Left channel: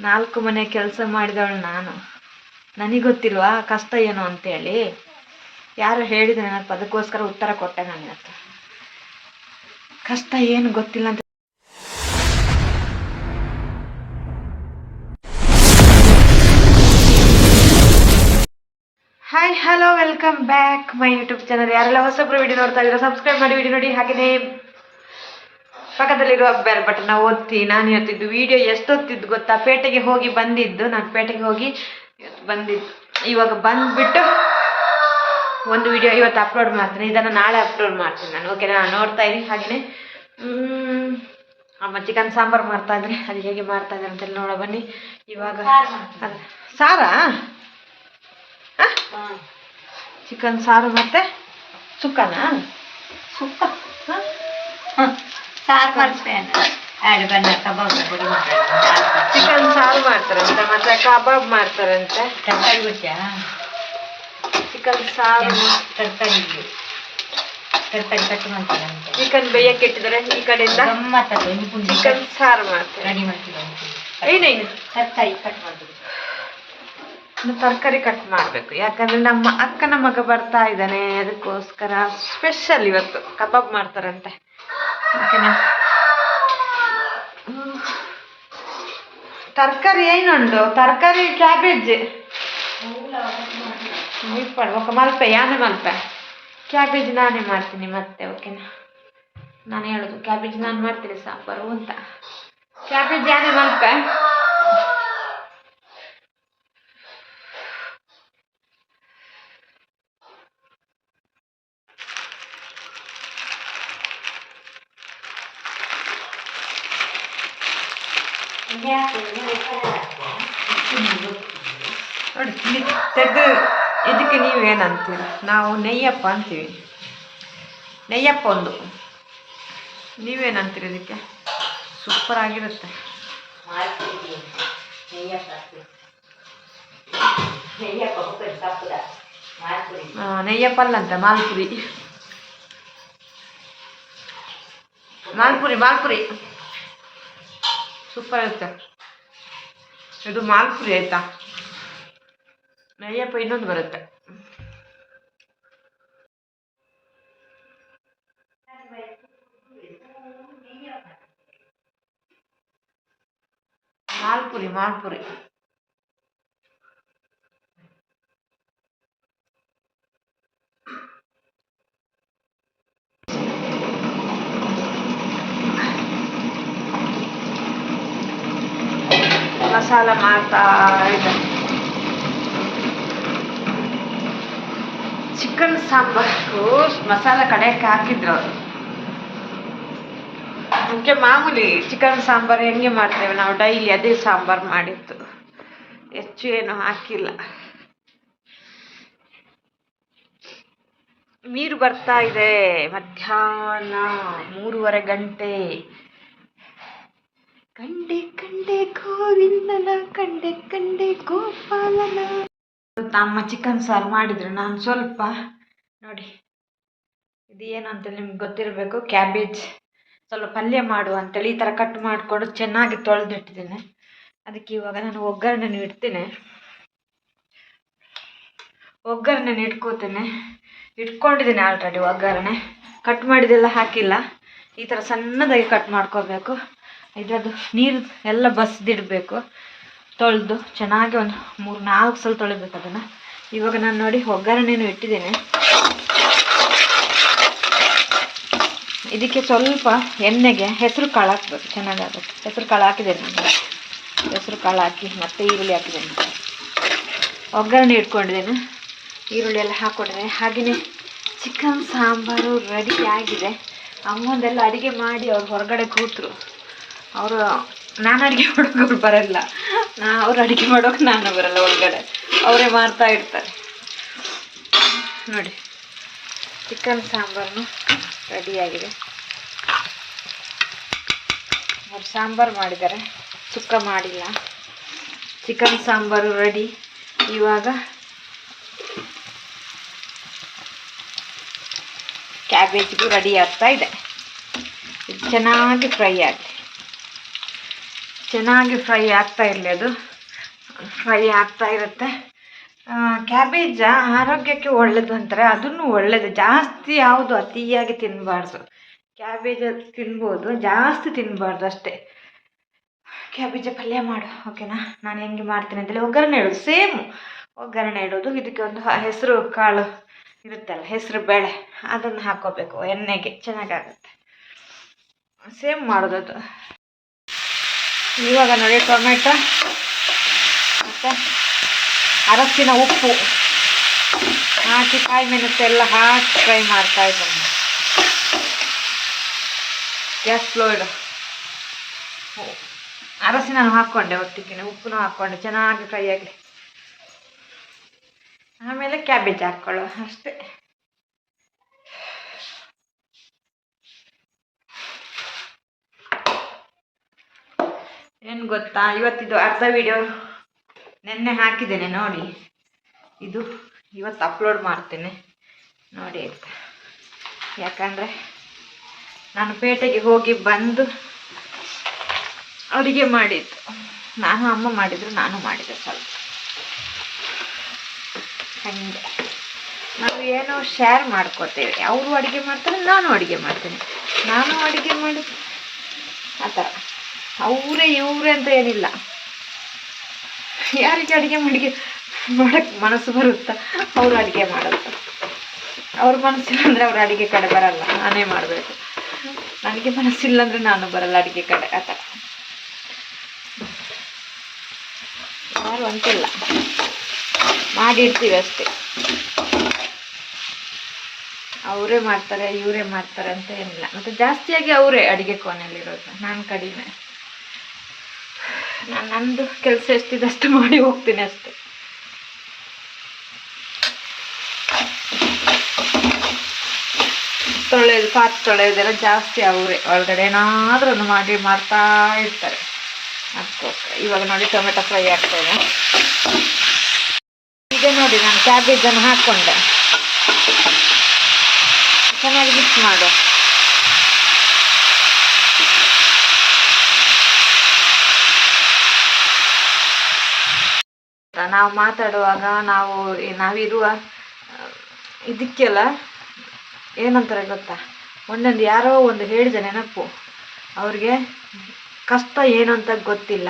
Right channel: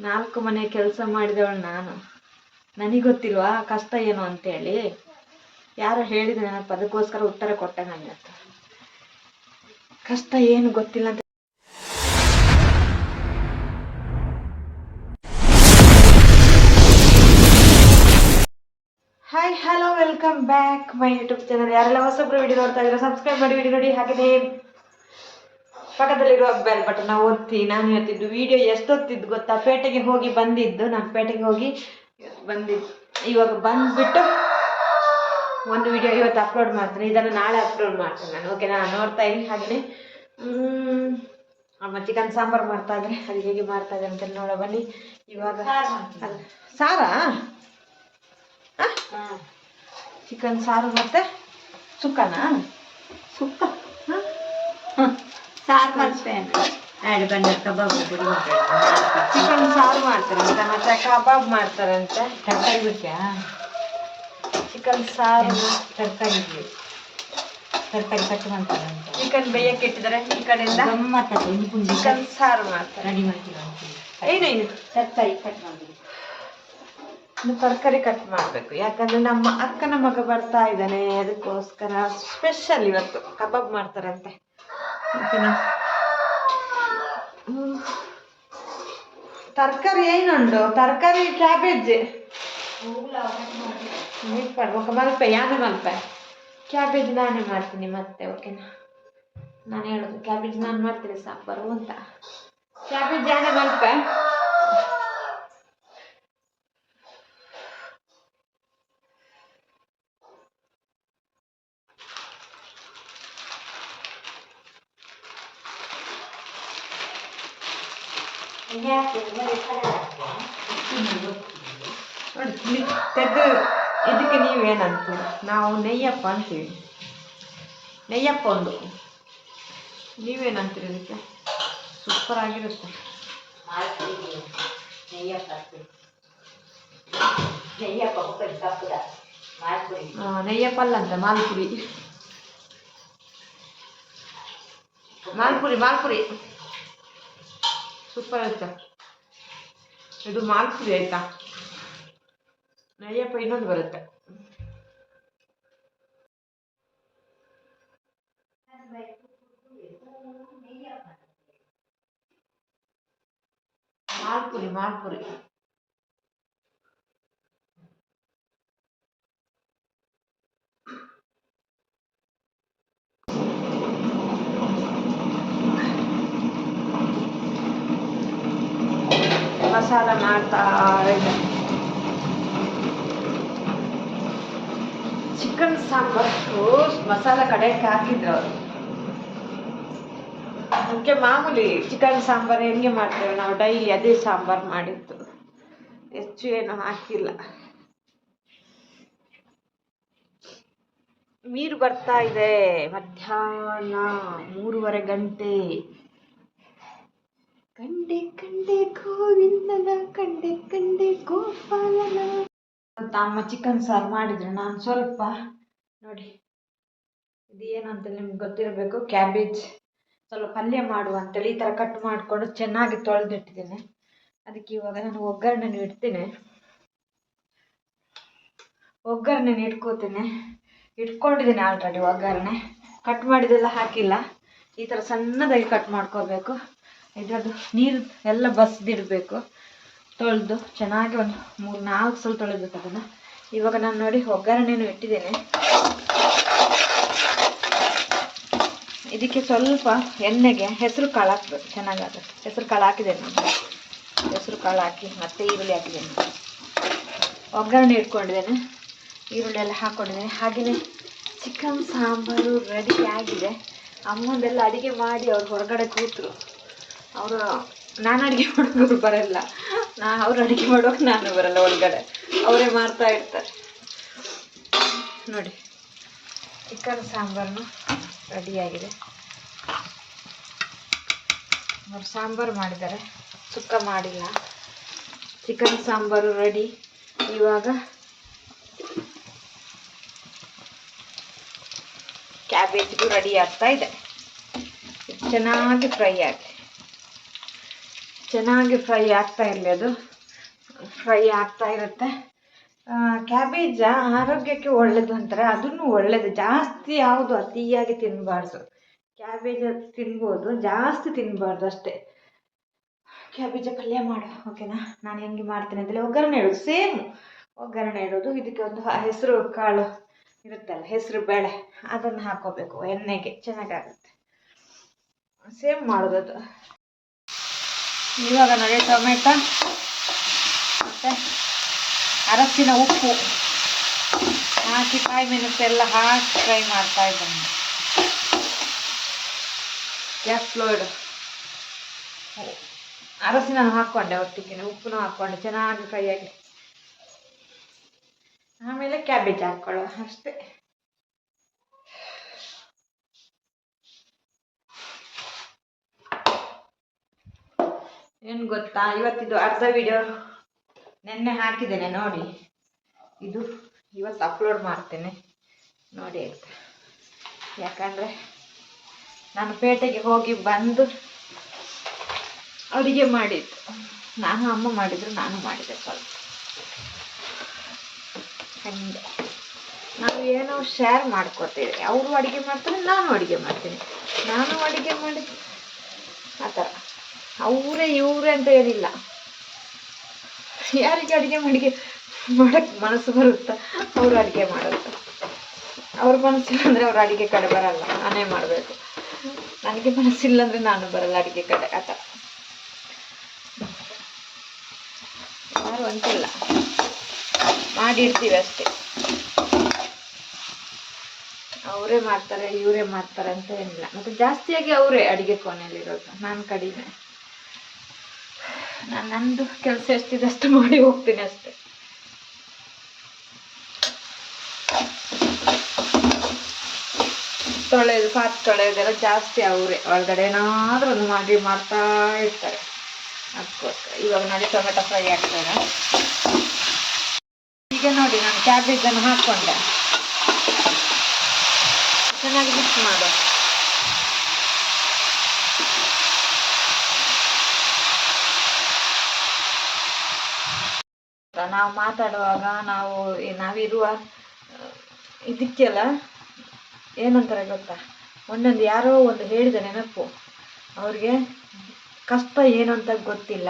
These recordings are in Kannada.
4 ಮನೆ ಕೆಲಸ ಮಾಡಿದವಳು ನಾನು. ನನಗೆ ಗೊತ್ತಿಲ್ವಾ ಕಷ್ಟ ಏನು ಅಂತೇಳಿ? ಯಾರು ಹೇಳಿದ್ರೆ ನನಗೆ ಅದಕ್ಕೋಸ್ಕರ ಉತ್ತರ ಕೊಟ್ಟೆ ನಾನು ಇವತ್ತು. ಕಷ್ಟ ಏನು ಗೊತ್ತಿಲ್ಲ ಅಂತ. Hi hello welcome back my YouTube channel. ಯಾರೆಲ್ಲ ಹೊಸಬ್ರು ವಿಡಿಯೋ ನೋಡ್ತಾ ಇದ್ದೀರಾ ಸಬ್ಸ್ಕ್ರೈಬ್ ಮಾಡಿ ವಿಡಿಯೋ ನೋಡಿ. ಹಾಗೆಯೇ ಪಕ್ಕದಲ್ಲಿರುವ ಬೆಲ್ ಬಟನ್ನ ಒತ್ತಿ. ನಾನು ಇವತ್ತಿದ್ದು ವಿಡಿಯೋ ಎಷ್ಟೊತ್ತಿದ್ದು ಗೊತ್ತಾ? ಪೇಟೆಗೆ ಹೋಗಿ ಬಂದಿದ್ದು. ನಾನು ಪೇಟೆಗೆ ಹೋಗಿ ಇವತ್ತು ಬಂದಿದ್ದು. ಇವಾಗ ಬಂದುಬಿಟ್ಟು ಒಂದು ವಿಡಿಯೋ ಇವತ್ತು ಅಪ್ಲೋಡ್ ಮಾಡ್ತೀನಿ, ಇದನ್ನು ನಾಳೆ ಅಪ್ಲೋಡ್ ಮಾಡ್ತೀನಿ ನಾನು. ಓಕೆನಾ? ನೋಡ್ತಾ ಇರಿ. ಹಾಗೆಯೇ ಅಮ್ಮ ಚಿಕನ್ ಸಾಂಬಾರು ಮಾಡ್ತಾಯಿದ್ರೆ ಅದು ಹೇಗೆ ಮಾಡ್ತಾಯಿದ್ದಾರೆ ಅಂತೇಳಿ ನೋಡೋ ಬನ್ನಿ. ಇವಾಗ ಅದು ಸಾರಾ? ಚಿಕನ್ ಸಾರು ಮತ್ತೆ ಸುಕ್ಕನಾ? ಸುಕ್ಕ ಸಾರು ಮಾಡ್ತೇನೆ. ಚಿಕನ್ ಸಾರು ಮಾಡ್ತಾರಂತೆ, ಮತ್ತೆ ಕಬಾಬ್ ಮಾಡ್ತಾರಂತೆ. ತರಕಾರಿ ಗೊತ್ತಾ? ಚಿಕನ್ ಸಾರು ತರಕಾರಿ ಕಟ್ ಮಾಡ್ತಾರಂತೆ. ಚಿಕನ್ ಬೇಯಕ್ಕೆ ಇಟ್ಟಿದ್ದಾರೆ. ಈ ಕಡೆಯಿಂದ ಚಿಕನ್ ಸಾರು ಮಾಡ್ತಾರೆ. ರೆಡಿ ಮಾಡ್ತೀವಿ. ಏನೇನು ತರಕಾರಿ ಕಟ್ ಮಾಡ್ತೀವಿ. ತರಕಾರಿ ಕಟ್ ಮಾಡಬೇಕು, ಯಾಕಂದರೆ ನಮ್ಮ ಅಕ್ಕನ ಮಗ ಬರ್ತಾ ಇದ್ದಾನೆ. ಅದಕ್ಕೋಸ್ಕರ ಸ್ಪೆಷಲ್ ಇವತ್ತು ಕಬಾಬ್ ಮಾಡ್ತಾರಂತೆ. ಓಕೆನಾ? ತರಕಾರಿ ಏನುಂಟು? ತರಕಾರಿ ಕ್ಯಾಬೇಜ್ ఒక ಮಲ್ಪೆ ಯಾನೇ ಮಲ್ಪೆ ಕ್ಯಾಬೇಜ್ ನಾನೇ ಮಾಡ್ತೀನಿ ಮತ್ತೆ. ಓಕೆನಾ? ನಾನು ಹೇಳೋದು ಕ್ಯಾಬೇಜ್ ನಾನು ಮಾಡ್ತೀನಿ ಸಾಂಬಾರು ಅಂತ. ಕ್ಯಾಬೇಜ್ ಯಾನೇ ಮಲ್ಪೆ. ನೋಡಿ ತೆಗೆದು ಇದಕ್ಕೆ ನೀವೇನಂತೀರ? ನಾವು ನೆಯ್ಯಪ್ಪ ಅಂತೀವಿ. ನೆಯ್ಯಪ್ಪ ಒಂದು. ನೀವೇನಂತೀರಿ ಇದಕ್ಕೆ? ಸೂಪರ್ ಆಗಿರುತ್ತೆ. ನೆಯ್ಯಪ್ಪ ಅಲ್ಲಂತೆ ಮಾಲ್ಪುರಿ. ಮಾಲ್ಪುರಿ ಸೂಪರ್ ಇರುತ್ತೆ. ಇದು ಮಾಲ್ಪುರಿ ಆಯ್ತಾ? ನೆಯ್ಯಪ್ಪ ಇನ್ನೊಂದು ಬರುತ್ತೆ. ಮಾಲ್ಪುರಿ ಮಸಾಲ ಮಾಡ್ತಾ ಇದೆ. ಚಿಕನ್ ಸಾಂಬಾರು ಮಸಾಲ ಕಡೆಯಕ್ಕೆ ಹಾಕಿದ್ರು ಅವರು. ಅದಕ್ಕೆ ಮಾಮೂಲಿ ಚಿಕನ್ ಸಾಂಬಾರು ಹೆಂಗೆ ಮಾಡ್ತೇವೆ ನಾವು ಡೈಲಿ ಅದೇ ಸಾಂಬಾರು ಮಾಡಿತ್ತು, ಹೆಚ್ಚು ಏನು ಹಾಕಿಲ್ಲ. ನೀರು ಬರ್ತಾ ಇದೆ. ಮಧ್ಯಾಹ್ನ 3:30 ಗಂಟೆ. ಕಂಡೆ ಗೋವಿಂದನ ಕಂಡೆ ಗೋಪಾಲನ. ಅಮ್ಮ ಚಿಕನ್ ಸಾರು ಮಾಡಿದ್ರು. ನಾನು ಸ್ವಲ್ಪ ನೋಡಿ ಇದು ಏನು ಅಂತೇಳಿ ನಿಮ್ಗೆ ಗೊತ್ತಿರಬೇಕು. ಕ್ಯಾಬೇಜ್ ಸ್ವಲ್ಪ ಪಲ್ಯ ಮಾಡುವ ಅಂತೇಳಿ ಈ ಥರ ಕಟ್ ಮಾಡಿಕೊಂಡು ಚೆನ್ನಾಗಿ ತೊಳೆದಿಟ್ಟಿದ್ದೇನೆ. ಅದಕ್ಕೆ ಇವಾಗ ನಾನು ಒಗ್ಗರಣೆನ ಇಡ್ತೇನೆ. ಒಗ್ಗರಣೆನ ಇಟ್ಕೊಂಡಿದ್ದೇನೆ ಆಲ್ರೆಡಿ. ಒಗ್ಗರಣೆ ಕಟ್ ಮಾಡಿದೆಲ್ಲ ಹಾಕಿಲ್ಲ. ಈ ಥರ ಸಣ್ಣದಾಗಿ ಕಟ್ ಮಾಡ್ಕೋಬೇಕು. ಇದರದ್ದು ನೀರು ಎಲ್ಲ ಬಸ್ದಿಡಬೇಕು. ತೊಳೆದು ಚೆನ್ನಾಗಿ ಒಂದು 3-4 ಸಲ ತೊಳಿಬೇಕು ಅದನ್ನು. ಇವಾಗ ನಾನು ನೋಡಿ ಒಗ್ಗರಣೆನೂ ಇಟ್ಟಿದ್ದೇನೆ. ಇದಕ್ಕೆ ಸ್ವಲ್ಪ ಎಣ್ಣೆಗೆ ಹೆಸರು ಕಾಳು ಹಾಕ್ಬೇಕು, ಚೆನ್ನಾಗಾಗುತ್ತೆ. ಹೆಸರು ಕಾಳು ಹಾಕಿದ್ದೇನೆ ನಾನು. ಹೆಸರು ಕಾಳು ಹಾಕಿ ಮತ್ತೆ ಈರುಳ್ಳಿ ಹಾಕಿದ್ದೇನೆ. ಒಗ್ಗರಣೆ ಇಟ್ಕೊಂಡಿದ್ದೇನೆ. ಈರುಳ್ಳಿ ಎಲ್ಲ ಹಾಕ್ಕೊಂಡಿದ್ದೇನೆ. ಹಾಗೆಯೇ ಚಿಕನ್ ಸಾಂಬಾರು ರೆಡಿ ಆಗಿದೆ. ಅಮ್ಮಂದೆಲ್ಲ ಅಡುಗೆ ಮಾಡಿ ಅವ್ರು ಹೊರಗಡೆ ಕೂತರು. ಅವರು ನಾನು ಅಡುಗೆ ಮಾಡೋಕೆ ಬರಲ್ಲ, ಅವ್ರು ಅಡುಗೆ ಮಾಡೋಕೆ ನಾನು ಬರಲ್ಲ. ಒಳಗಡೆ ಅವರೇ ಮಾಡ್ತಾ ಇರ್ತಾರೆ. ನೋಡಿ ಚಿಕನ್ ಸಾಂಬಾರು ರೆಡಿಯಾಗಿದೆ. ಅವ್ರು ಸಾಂಬಾರು ಮಾಡಿದ್ದಾರೆ, ಸುಕ್ಕ ಮಾಡಿಲ್ಲ. Chicken sambar ready. ಇವಾಗ ಕ್ಯಾಬೇಜ್ಗೂ ರೆಡಿ ಆಗ್ತಾ ಇದೆ. ಇದು ಚೆನ್ನಾಗಿ ಫ್ರೈ ಆಗಿ ಚೆನ್ನಾಗಿ ಫ್ರೈ ಆಗ್ತಾ ಇರಲಿ, ಅದು ಫ್ರೈ ಆಗ್ತಾ ಇರುತ್ತೆ. ಕ್ಯಾಬೇಜ ಆರೋಗ್ಯಕ್ಕೆ ಒಳ್ಳೇದು ಅಂತಾರೆ, ಅದನ್ನು ಒಳ್ಳೇದು. ಜಾಸ್ತಿ ಯಾವುದು ಅತಿಯಾಗಿ ತಿನ್ನಬಾರ್ದು. ಕ್ಯಾಬೇಜ್ ತಿನ್ಬೋದು, ಜಾಸ್ತಿ ತಿನ್ನಬಾರ್ದು ಅಷ್ಟೇ. ಕ್ಯಾಬೇಜ ಪಲ್ಯ ಮಾಡು, ಓಕೆನಾ? ನಾನು ಹೆಂಗೆ ಮಾಡ್ತೀನಿ ಅಂತೇಳಿ ಒಗ್ಗರಣೆ ಇಡೋದು, ಸೇಮ್ ಒಗ್ಗರಣೆ ಇಡೋದು. ಇದಕ್ಕೆ ಒಂದು ಹೆಸರು ಕಾಳು ಇರುತ್ತಲ್ಲ, ಹೆಸರು ಬೇಳೆ, ಅದನ್ನು ಹಾಕೋಬೇಕು ಎಣ್ಣೆಗೆ, ಚೆನ್ನಾಗಾಗುತ್ತೆ. ಸೇಮ್ ಮಾಡೋದು. ಇವಾಗ ನೋಡಿ ಟೊಮೆಟೊ ಮತ್ತು ಅರಸಿನ ಉಪ್ಪು ಹಾಕಿ ಕಾಯಿ ಮೆಣಸು ಎಲ್ಲ ಹಾಕಿ ಫ್ರೈ ಮಾಡ್ತಾ ಇದ್ದೀನಿ. ಗ್ಯಾಸ್ ಸ್ಲೋ ಇಡು. ಅರಸಿನ ಹಾಕ್ಕೊಂಡೆ, ಒಟ್ಟಿಗೆ ಉಪ್ಪು ಹಾಕ್ಕೊಂಡೆ, ಚೆನ್ನಾಗಿ ಫ್ರೈ ಆಗಲಿ. ಆಮೇಲೆ ಕ್ಯಾಬೇಜ್ ಹಾಕ್ಕೊಳ್ಳೋ ಅಷ್ಟೇ. ಏನು ಗೊತ್ತಾ, ಇವತ್ತಿದು ಅರ್ಧ ವಿಡಿಯೋ ನೆನ್ನೆ ಹಾಕಿದ್ದೇನೆ ನೋಡಿ, ಇದು ಇವತ್ತು ಅಪ್ಲೋಡ್ ಮಾಡ್ತೇನೆ ನೋಡಿ ಆಯಿತಾ. ಯಾಕಂದರೆ ನಾನು ಪೇಟೆಗೆ ಹೋಗಿ ಬಂದು ಅಡುಗೆ ಮಾಡಿದ್ದು, ನಾನು ಅಮ್ಮ ಮಾಡಿದರು, ನಾನು ಮಾಡಿದೆ ಸ್ವಲ್ಪ. ಹಾಗೆ ನಾವು ಏನೋ ಶೇರ್ ಮಾಡ್ಕೋತೇವೆ. ಅವರು ಅಡುಗೆ ಮಾಡ್ತಾರೆ, ನಾನು ಅಡುಗೆ ಮಾಡ್ತೀನಿ. ನಾನು ಅಡುಗೆ ಮಾಡಿದ್ದು ಆ ಥರ, ಅವರೇ ಇವರೇ ಅಂತ ಏನಿಲ್ಲ. ಯಾರಿಗೆ ಅಡುಗೆ ಮಾಡೋಕ್ಕೆ ಮನಸ್ಸು ಬರುತ್ತಾ ಅವರು ಅಡುಗೆ ಮಾಡೋದು. ಅವ್ರ ಮನಸ್ಸಿಲ್ಲ ಅಂದರೆ ಅವ್ರ ಅಡುಗೆ ಕಡೆ ಬರಲ್ಲ, ನಾನೇ ಮಾಡಬೇಕು. ನನಗೆ ಮನಸ್ಸಿಲ್ಲ ಅಂದರೆ ನಾನು ಬರಲ್ಲ ಅಡುಗೆ ಕಡೆ, ಆ ಥರ. ಯಾರು ಅಂತಿಲ್ಲ, ಮಾಡಿರ್ತೀವಿ ಅಷ್ಟೇ. ಅವರೇ ಮಾಡ್ತಾರೆ, ಇವರೇ ಮಾಡ್ತಾರೆ ಅಂತ ಏನಿಲ್ಲ. ಮತ್ತು ಜಾಸ್ತಿಯಾಗಿ ಅವರೇ ಅಡುಗೆ ಕೋಣೆಯಲ್ಲಿರೋದು, ನಾನು ಕಡಿಮೆ. ನಾನು ನಂದು ಕೆಲಸ ಎಷ್ಟಿದಷ್ಟು ಮಾಡಿ ಹೋಗ್ತೀನಿ ಅಷ್ಟೆ. ತೊಳೆಯೋದು, ಪಾತ್ರೆ ತೊಳೆಯೋದೆಲ್ಲ ಜಾಸ್ತಿ ಅವರೇ. ಒಳಗಡೆ ಏನಾದರೂ ಒಂದು ಮಾಡ್ತಾ ಇರ್ತಾರೆ. ಅದಕ್ಕೋಸ್ಕರ ಇವಾಗ ನೋಡಿ ಟೊಮೆಟೊ ಫ್ರೈ ಆಗ್ತಾಯಿದೆ. ಈಗ ನೋಡಿ ನಾನು ಕ್ಯಾಬೇಜನ್ನು ಹಾಕ್ಕೊಂಡೆ, ಚೆನ್ನಾಗಿ ಮಿಕ್ಸ್ ಮಾಡು. ನಾವು ಮಾತಾಡುವಾಗ ನಾವಿರುವ ಇದಕ್ಕೆಲ್ಲ ಏನಂತಾರೆ ಗೊತ್ತಾ, ಒಂದೊಂದು ಯಾರೋ ಒಂದು ಹೇಳಿದ ನೆನಪು. ಅವ್ರಿಗೆ ಕಷ್ಟ ಏನು ಅಂತ ಗೊತ್ತಿಲ್ಲ,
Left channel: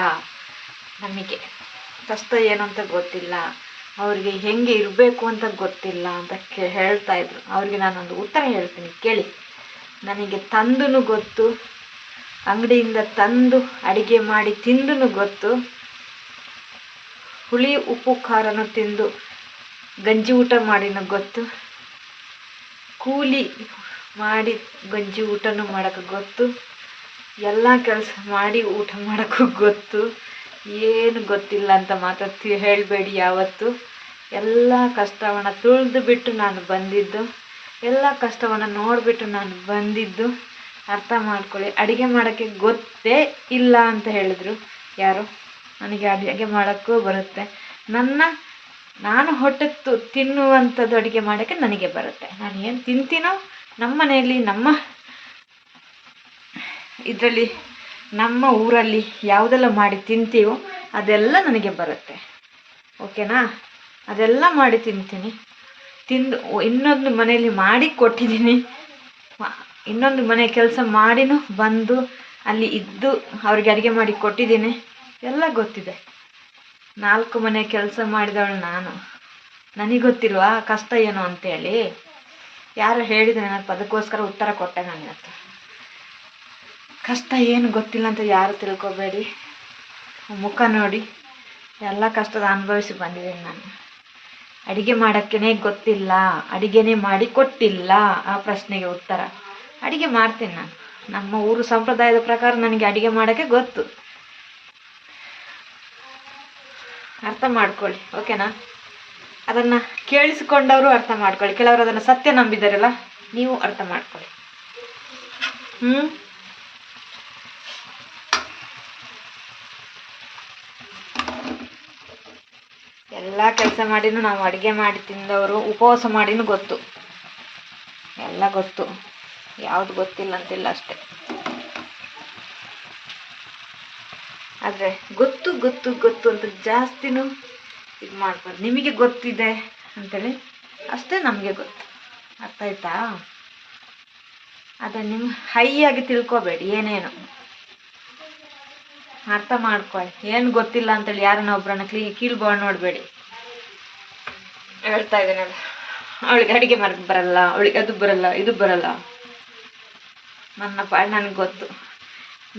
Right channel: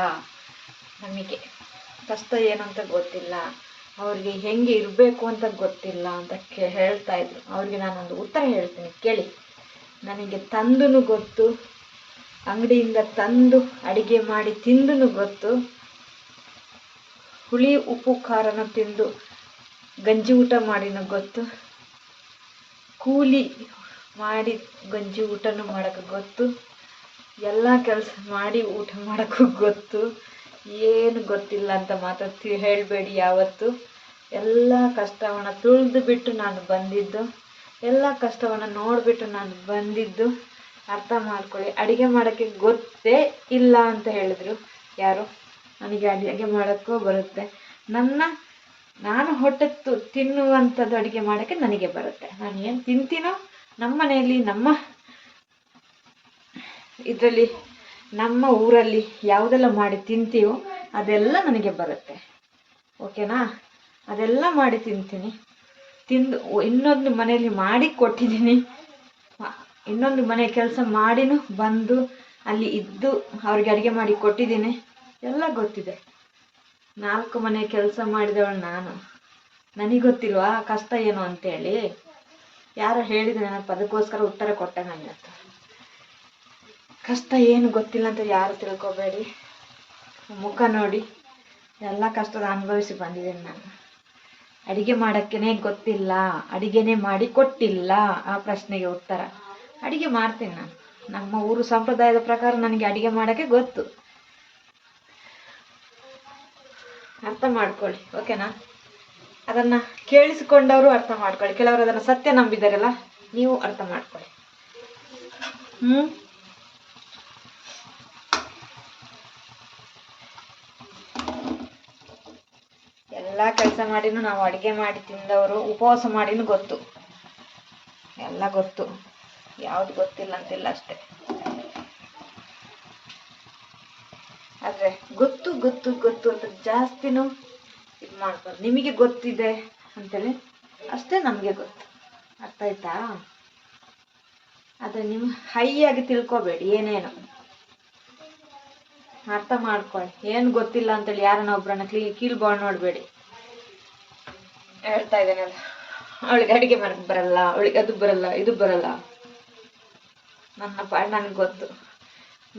ನಮಗೆ ಕಷ್ಟ ಏನು ಅಂತ ಗೊತ್ತಿಲ್ಲ, ಅವ್ರಿಗೆ ಹೆಂಗೆ ಇರಬೇಕು ಅಂತ ಗೊತ್ತಿಲ್ಲ ಅಂತ ಹೇಳ್ತಾ ಇದ್ರು. ಅವ್ರಿಗೆ ನಾನೊಂದು ಉತ್ತರ ಹೇಳ್ತೀನಿ ಕೇಳಿ. ನನಗೆ ತಂದು ಗೊತ್ತು, ಅಂಗಡಿಯಿಂದ ತಂದು ಅಡುಗೆ ಮಾಡಿ ತಿಂದು ಗೊತ್ತು, ಹುಳಿ ಉಪ್ಪು ಖಾರನ ತಿಂದು ಗಂಜಿ ಊಟ ಮಾಡಿನೂ ಗೊತ್ತು, ಕೂಲಿ ಮಾಡಿ ಗಂಜಿ ಊಟನೂ ಮಾಡೋಕ್ಕೆ ಗೊತ್ತು, ಎಲ್ಲ ಕೆಲಸ ಮಾಡಿ ಊಟ ಮಾಡೋಕ್ಕೂ ಗೊತ್ತು. ಏನು ಗೊತ್ತಿಲ್ಲ ಅಂತ ಮಾತಾಡ್ತೀವಿ ಹೇಳಬೇಡಿ ಯಾವತ್ತು. ಎಲ್ಲ ಕಷ್ಟವನ್ನು ತುಳಿದು ಬಿಟ್ಟು ನಾನು ಬಂದಿದ್ದು, ಎಲ್ಲ ಕಷ್ಟವನ್ನು ನೋಡಿಬಿಟ್ಟು ನಾನು ಬಂದಿದ್ದು. ಅರ್ಥ ಮಾಡ್ಕೊಳ್ಳಿ. ಅಡುಗೆ ಮಾಡೋಕ್ಕೆ ಗೊತ್ತೇ ಇಲ್ಲ ಅಂತ ಹೇಳಿದ್ರು ಯಾರು? ನನಗೆ ಅಡುಗೆ ಮಾಡೋಕ್ಕೂ ಬರುತ್ತೆ. ನಾನು ಹೊಟ್ಟೆ ತಿನ್ನುವಂಥದ್ದು ಅಡುಗೆ ಮಾಡೋಕ್ಕೆ ನನಗೆ ಬರುತ್ತೆ. ನಾನು ಏನು ತಿಂತೀನೋ ನಮ್ಮ ಮನೆಯಲ್ಲಿ, ನಮ್ಮ ಇದರಲ್ಲಿ, ನಮ್ಮ ಊರಲ್ಲಿ ಯಾವುದೆಲ್ಲ ಮಾಡಿ ತಿಂತೀವೋ ಅದೆಲ್ಲ ನನಗೆ ಬರುತ್ತೆ, ಓಕೆನಾ? ಅದೆಲ್ಲ ಮಾಡಿ ತಿಂತೀನಿ. ತಿಂದು ಇನ್ನೊಂದು ಮನೆಯಲ್ಲಿ ಮಾಡಿ ಕೊಟ್ಟಿದ್ದೀನಿ, ಇನ್ನೊಂದು ಮನೆ ಕೆಲಸ ಮಾಡಿನೂ ಬಂದು ಅಲ್ಲಿ ಇದ್ದು ಅವ್ರಿಗೆ ಅಡುಗೆ ಮಾಡಿ ಕೊಟ್ಟಿದ್ದೀನಿ. ಎಲ್ಲ ಗೊತ್ತಿದೆ. 4 ಮನೆ ಕೆಲಸ ಮಾಡಿದವಳು ನಾನು. ನನಗೆ ಗೊತ್ತಿಲ್ವಾ ಕಷ್ಟ ಏನು ಅಂತೇಳಿ? ಯಾರು ಹೇಳಿದ್ರೆ ನೆನಪು, ಅದಕ್ಕೋಸ್ಕರ ಉತ್ತರ ಕೊಟ್ಟೆ ನಾನು ಇವತ್ತು. ಕಷ್ಟ ಏನು ಗೊತ್ತಿಲ್ಲ ಅಂತ ಯಾರು ತಿಳ್ಕೊಬೇಡಿ. ಮುಖ ನೋಡಿ, ಎಲ್ಲ ಕಷ್ಟದ ಅನುಭವಿಸಿ ಬಂದಿದ್ದೀನಿ ನಾನು. ಅಡುಗೆ ಮಾಡೋಕ್ಕೇ ಗೊತ್ತಿಲ್ಲ, ಅಡುಗೆನೇ ಮಾಡಿ ಕೊಟ್ಟಿಲ್ಲ, ಆ ಪ್ರಶ್ನೆಗೆ ಉತ್ತರ. ಅಡುಗೆ ಮಾಡ್ತೀನಿ ನಾನು. ನಮ್ಮ ಊರು ಸಂಪ್ರದಾಯದ ಪ್ರಕಾರ ನನಗೆ ಅಡುಗೆ ಮಾಡೋಕ್ಕೆ ಗೊತ್ತು. ಅರ್ಥ ಮಾಡ್ಕೊಳ್ಳಿ, ಓಕೆನಾ? ಅದನ್ನು ಕೇಳಿಸಿಕೊಂಡವರು ಅರ್ಥ ಮಾಡ್ಕೊಳ್ಳಿ. ಕೆಲವರು ಅದನ್ನು ಸತ್ಯ ನಂಬಿದಾರಲ್ಲ, ನೀವು ಅರ್ಥ ಮಾಡ್ಕೊಳ್ಳಿ. ಎಲ್ಲ ಕೆಲಸ ಮಾಡಿನೂ ನಾವು ಅಡುಗೆ ಮಾಡಿ ತಿಂದವರು, ಉಪವಾಸ ಮಾಡಿನೂ ಗೊತ್ತು, ಎಲ್ಲ ಗೊತ್ತು. ಯಾವುದು ಗೊತ್ತಿಲ್ಲ ಅಂತಿಲ್ಲ ಅಷ್ಟೆ. ಆದರೆ ಗೊತ್ತು ಗೊತ್ತು ಗೊತ್ತು ಅಂತ ಜಾಸ್ತಿನೂ ಇದು ಮಾಡ್ಬಾರ್ದು. ನಿಮಗೆ ಗೊತ್ತಿದೆ ಅಂತೇಳಿ ಅಷ್ಟೇ ನಮಗೆ ಗೊತ್ತು. ಅರ್ಥ ಆಯ್ತಾ? ಆದರೆ ನೀವು ಹೈಯಾಗಿ ತಿಳ್ಕೊಬೇಡಿ, ಏನೇನು ಅರ್ಥ ಮಾಡ್ಕೊಳ್ಳಿ. ಏನು ಗೊತ್ತಿಲ್ಲ ಅಂತೇಳಿ ಯಾರನ್ನ ಒಬ್ಬರನ್ನ ಕೀಳ್ಬೋದು ನೋಡಬೇಡಿ. ಹೇಳ್ತಾ ಇದ್ದೇನೆ, ಅವಳಿಗೆ ಅಡುಗೆ ಮಾಡೋಕ್ಕೆ ಬರಲ್ಲ, ಅವಳಿಗೆ ಅದು ಬರಲ್ಲ, ಇದು ಬರಲ್ಲ. ನನ್ನ ಪಾಡು ನನಗೆ ಗೊತ್ತು.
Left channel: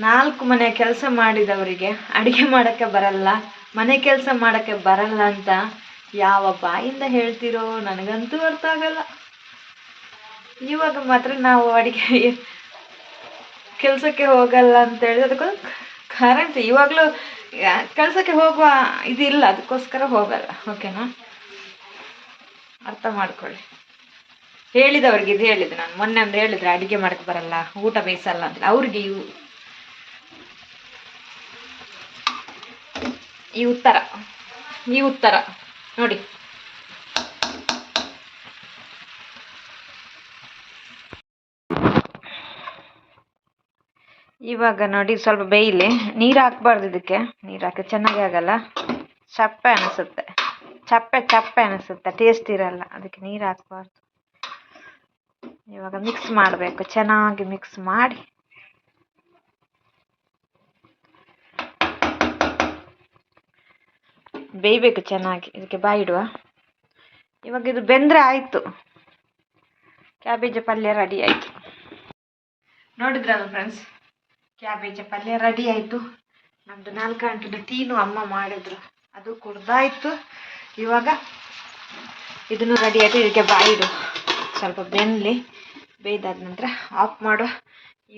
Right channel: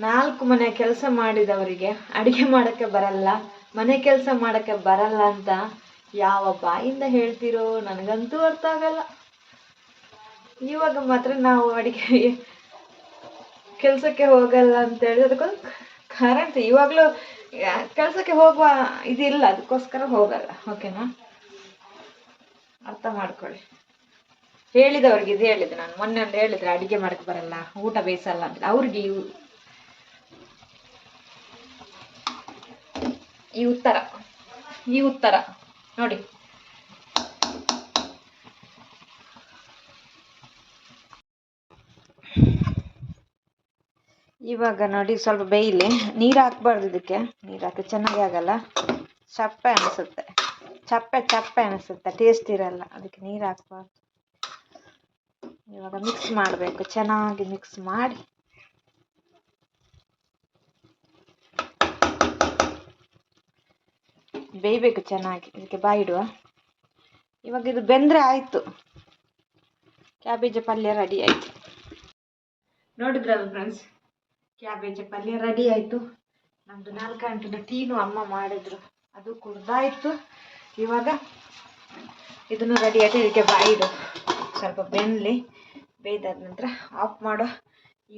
4 ಮನೆ ಕೆಲಸ ಮಾಡಿದವರಿಗೆ ಅಡುಗೆ ಮಾಡೋಕ್ಕೆ ಬರಲ್ಲ, ಮನೆ ಕೆಲಸ ಮಾಡೋಕ್ಕೆ ಬರಲ್ಲ ಅಂತ ಯಾವ ಬಾಯಿಂದ ಹೇಳ್ತಿರೋ ನನಗಂತೂ ಅರ್ಥ ಆಗಲ್ಲ. ಇವಾಗ ಮಾತ್ರ ನಾವು ಅಡುಗೆ ಕೆಲಸಕ್ಕೆ ಹೋಗಲ್ಲ ಅಂತೇಳಿ ಅದಕ್ಕೊಂದು ಕರೆಂಟ್ ಇವಾಗಲೂ ಕೆಲಸಕ್ಕೆ ಹೋಗುವ ಇದಿಲ್ಲ, ಅದಕ್ಕೋಸ್ಕರ ಹೋಗಲ್ಲ. ಓಕೆನಾ? ಅರ್ಥ ಮಾಡ್ಕೊಳ್ಳಿ. ಹೇಳಿದವ್ರಿಗೆ ಇದು ಹೇಳಿದೆ ನಾನು ಮೊನ್ನೆ ಒಂದು ಹೇಳಿದ್ರೆ ಅಡುಗೆ ಮಾಡೋಕ್ಕೆ ಬರಲ್ಲ, ಊಟ ಬೇಯಿಸಲ್ಲ ಅಂತ. ಅವ್ರಿಗೆ ಈ ಉತ್ತರ ನೋಡಿ. ಇವಾಗ ನೋಡಿ ಸ್ವಲ್ಪ ಬೇಯಲಿ. ನೀರು ಹಾಕ್ಬಾರ್ದು, ಇದಕ್ಕೆ ನೀರು ಹಾಕಿ ಚೆನ್ನಾಗಿ ಆಗಲ್ಲ, ಚಪ್ಪೆ ಅನಿಸುತ್ತೆ, ಚಪ್ಪೆ ಅನಿಸುತ್ತೆ, ಟೇಸ್ಟ್ ಇರಲ್ಲ. ಅದಕ್ಕೆ ನೀರು ಹಾಕ್ಬಾರ್ದು. ಇವಾಗ ಮಿಕ್ಸ್ ಮಾಡಬೇಕು, ಚೆನ್ನಾಗಿ ಮಿಕ್ಸ್ ಮಾಡಿ ಬೇಯಬೇಕು ಚೆನ್ನಾಗಿ. ಇದಕ್ಕೆ ಬಾಯಿ ಇಡುವ. ಇವಾಗ ಇದು ಬೆಂದರೆ ಆಯಿತು, ಕ್ಯಾಬೇಜ್ ಪಲ್ಯ ರೆಡಿ ಆಯಿತು. ನೋಡಿದ್ರಲ್ಲ ಫ್ರೆಂಡ್ಸ್, ಕ್ಯಾಬೇಜ್ ಪಲ್ಯ ರೆಡಿ ಆಯಿತು. ನಮ್ಮದು 4 ಗಂಟೆದು ಟೀನು ಅಮ್ಮ ಮಾಡಿದ್ರು, ಅದು ಕುಡ್ದಾಯಿತು. ಇವಾಗ ಇದನ್ನು ರೆಡಿ ಆಯಿತು. ಇದಕ್ಕೆ ಬಾಯಿ ಇಡು, ಸ್ವಲ್ಪ ಬೆನ್ನಲಿ. ಬೇಯ್ದಾದ ನಂತರ ಆಫ್ ಮಾಡು.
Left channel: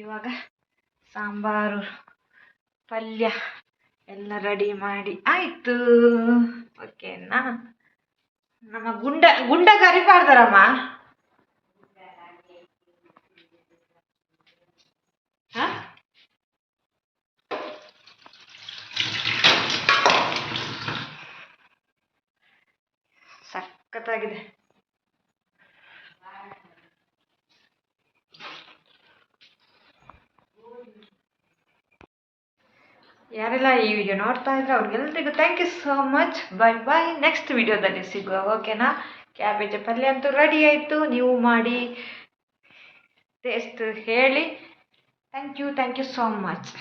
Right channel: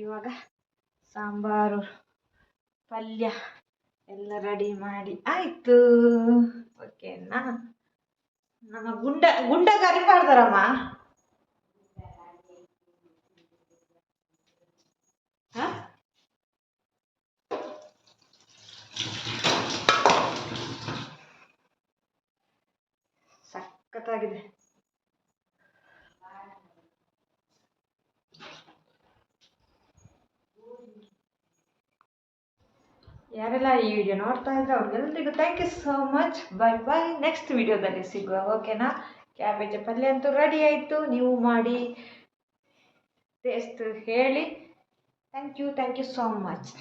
ಇವಾಗ ಸಾಂಬಾರು ಪಲ್ಯ ಎಲ್ಲ ರೆಡಿ ಮಾಡಿ ಆಯಿತು. ಓಕೆನಾ? ನಮ್ಮ ಗುಂಡ ಕರಿಬಾರ್ದಾರಮ್ಮ. ಹಾಂ, ಸಖತ್ತಾಗಿದೆ. ಯಾರೆಲ್ಲ ಈ ವಿಡಿಯೋ ನೋಡ್ತಾ ಇದ್ರೆ ಅವ್ರಿಗೆಲ್ಲರಿಗೂ thank you so much. Bye. Next ವಿಡಿಯೋದಲ್ಲಿ ಸಿಗುವ. ಓಕೆನಾ? ಕ್ಯಾಬೇಜ್ ಪಲ್ಯ ಅಂತೂ ರೆಡಿ ಆಯಿತು. ನೀವು ಮಾಡಿ ಟೇಸ್ಟ್ ಹೇಳಿ. Thank you so much.